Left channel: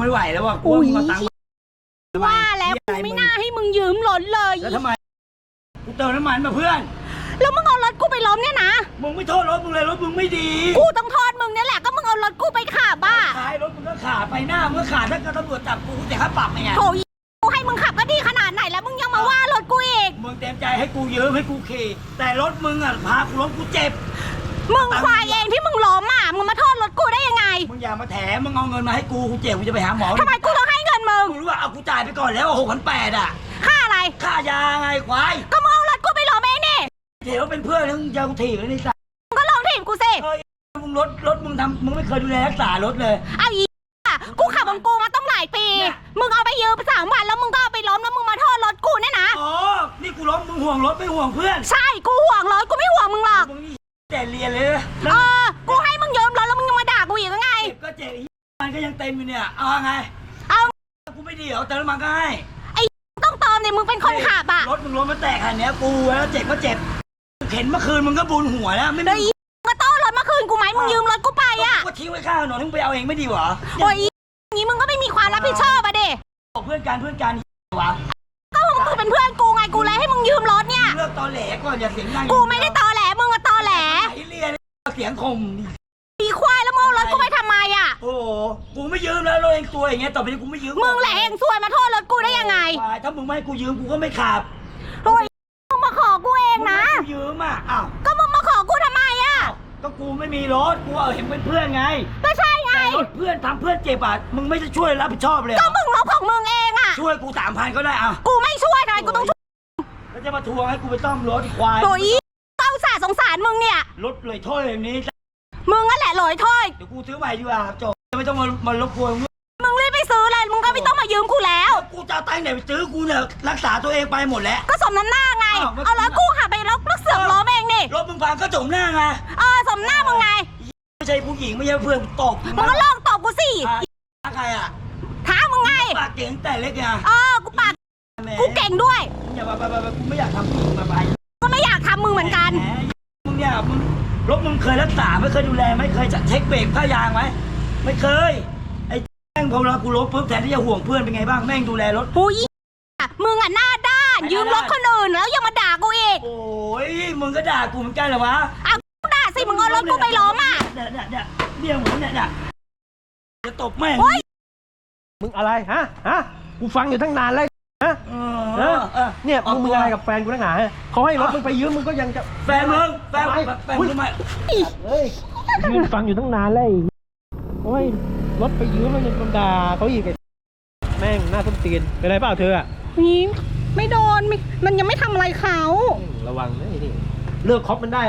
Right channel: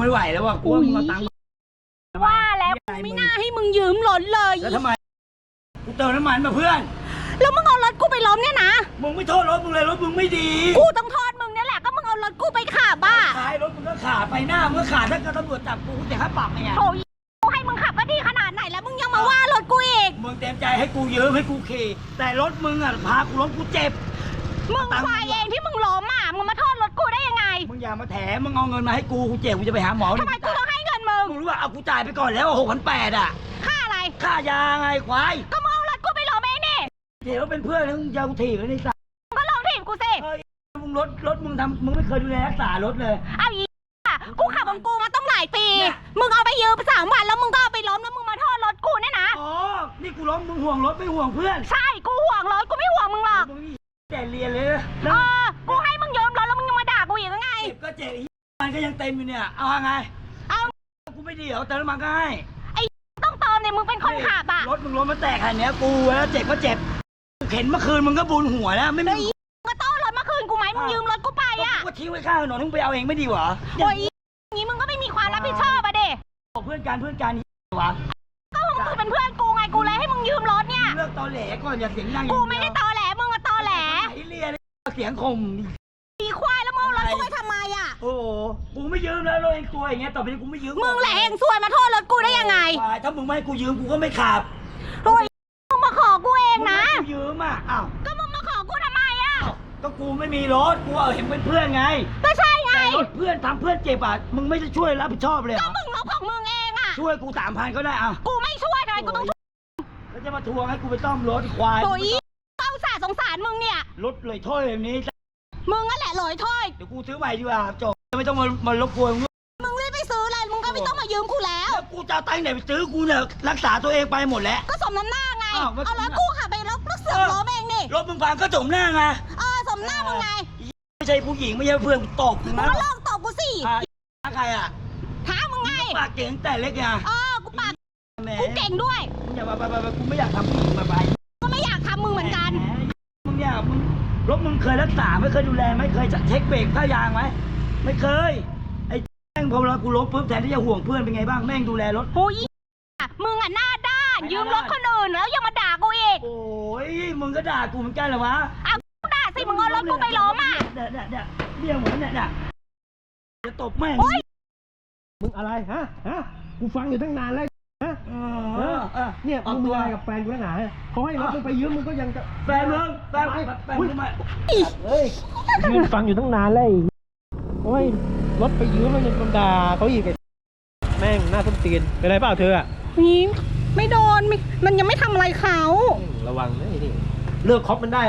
ไม่ไหวแล้วว่ะกูว่ามึงเอาตังค์มาทำไมว่าแล้วเหี้ยกูอะไรไม่งน่าให้มึงยืมรถเลย แล้วทำไมกูเติมน้ำมันมาเพื่อน แล้วมึงเอารถกูไปล้มเนี่ยนะ มึงไม่โทษรถมึงเลยรถมึงไม่ดี กูต้องโทษมึงเนี่ยแหละก็มึงเอารถกูไปขับบ้าท้ายรถมึงก็ขาดไปหน้ามึงก็ขาดถ้าเกิดตำรวจจับกูแต่ค่าปรับไงโถยกูให้มึงขับก็ดีขนาดไหนแล้วมึงยังมาว่ารถกูอีก มึงเต็มใจให้กูยืมให้กูขี่แต่รถมึงอะพากูล้มกูเจ็บ มึงควายเองที่มึงล้มอะมึงมาโทษรถกูได้ยังไงมึงอย่ามาแถมึงเอาเงินมาให้กูกูเจ็บกูจะไปหาหมอทำไมกูต้องให้เงินมึงมึงรู้ว่าเอากูจ่ายไปก่อนแล้วหกพันแปดอะค่าอะไรค่ายาไงควายก็มึงเอารถกูไปล้มเองนี่เดี๋ยวเป็นเพื่อนมึงจะกูถีบเลยในสัตว์มึงก็ลองถีบกูสิเฮ้ยมึงรถรถมึงทำมึงไม่เคยดูแลรักษารถเลยเอาอีอะกูขับของกูมาต้องหลายปีเนี่ยมึงเอาไปยืมสามวันแล้วมึงก็เอาไปล้มแล้วมึงมาโทษรถกูเนี่ยนะอ๋อนี่กูล้มมึงห่วงรถไม่ห่วงเพื่อน ใช่กูห่วงรถกูไม่ห่วงมึงหรอกมึงนี่ แต่เรียนเลยนะเอแล้วอ กูให้มึงยืมรถแล้วมึงยังมาด่ากูอีกว่าไง เจ็บก็เจ็บอีกมันก็ยังเต็มอยู่เนี่ย เอาไงเอา กูไม่ดีเหรอเติมน้ำมันก็ให้ต้องเติมเนี่ยมึงเป็นคนขับอะรถมึงรถมันแตกขนาดเนี้ยกูแล้วเจ็บก็เจ็บเข็นเมื่อคืนมึงก็บุญหัวแล้วไม่แล้วมีอีมึงก็ต้อนรถมาคืนกูไหมมึงยืมรถกูไปอะก็ทิ้งไว้ข้างถนนมึงไปเอาเองไม่ดีเหรอโอ้ยอย่างนี้มึงก็ไม่มีความรับผิดชอบอะเด็บอกเพื่อนกันเพื่อนกันนี่วะก็มึงเป็นเพื่อนกูไงกูเลยให้มึงยืมรถเนี่ย เลิกตอแหลก่อนอย่าเสียงดังกูไม่ได้ตอ สียงคมปีควายแล้วมึงเอารถกูไปทำไมอะ โอ้โหกูไม่ยืมแล้วรถเองตัวอย่างเงี้ยต่อไปนี้กูไม่ยืมมึงแหละเองซวยมาโทษรถกูได้ยังไงควายถ้ามึงไม่ให้กูยืมกูก็ไม่ขับโอ้ยมึงมาขอกูเองนะ มึงให้กูยืมอะอ้าวก็มึงมาขอกูทำไมอะอ้าวก็กูไม่มีรถกูเอาเห็นเป็นเพื่อนไงก็ใช่ไง แต่รถเพื่อนทำเพื่อนเจ็บอะมึงไม่จะช่วยรับผิดชอบเลยเหรก็อมึงลบของมึงเองอะ ช่วยกูสามพันก็ได้อะกูไม่ช่วยทำไมกูต้องช่วยแล้วจะมาทวงให้กูไปซ่อมรถอีกควายโอ้ยเต้าสาสงสารมึงเนี่ยรถเลยถ้อยอย่างนี้ มึงนั่นแหละลอยถ้อย เดี๋ยวกูซื้อใหม่ดีกว่าจบไม่ต้องมามารบกวนมึงมึงรีบไปซื้อเลย มึงก็ไม่ต้องมายืมกูแล้ว แล้วกูจะเอาตังค์ไหนไปซื้อกูเนี่ยรักษาตัวเองไปหมดแล้ว ก็สมน้ำหน้าไง อ้าวไม่เอาแล้วกูขับไปแล้วก็เสือกล้มเองนี่รถมึงพังก็จมหน้าไงเออสมหน้ามึงไง ไม่ใช่ผู้หญิงไม่ใช่เพื่อนกูตบมึงมึงนะก็ลองตอบกูสิอะใครอะท้ามึงไง ปากเก่งแต่เล็กไงเออ กูปากแหมกูเก่งด้วย อย่ามาไปไปไปกูไม่อยากทำผู้หญิงมาไป เนี่ยมึงรถมึงเคยรักษาไม่เคยดูแลไม่เคยเช็คเบรกผ้ายางไหมไม่เคย ไอ้แม่งพอเวลากูล้มปุ๊บแทนที่จะห่วงเพื่อนเป็นไงบ้างแม่งดูแลรถผู้ยมึงอะหน้าด้านไม่ยืมรหน้าถด้านคนอื่นแล้วยังมาด่ากูอีกโอ้ยมึงก็ด่ากูเหมือนกันเหรอวะอะกูด่าสิมึงเอารถกูไปล้มอะเนี่ยเนี่ยเนี่ยเนี่ยเหมือนเนี่ยเนี่ยจะตบแม่งโอ๊ยมึงอะไรฮะฮะกูฟังอยู่ตั้งนานแล้วฮะเอเอออเออเนี่ยเอามึงตัว มีอะไรกับแฟนกูนักหนาฮะเขาให้รถมึงไปยืมมึงก็ยังจะแฟนมึงแฟนทำไมแฟนอุ๊ยทำไมเฮ้ยยืนฟังอยู่ตั้งนานแล้วไอ้โอ้ยรถไปยืมมันยังด่าเขาอีกไอ้แม่งหน้าส้นตีนเป็นไรเปล่าเธออะนี่ไม่โดนมันยังไม่ทำอะไรเขาอืมระวังนะไอ้นี่เลิกคบมันได้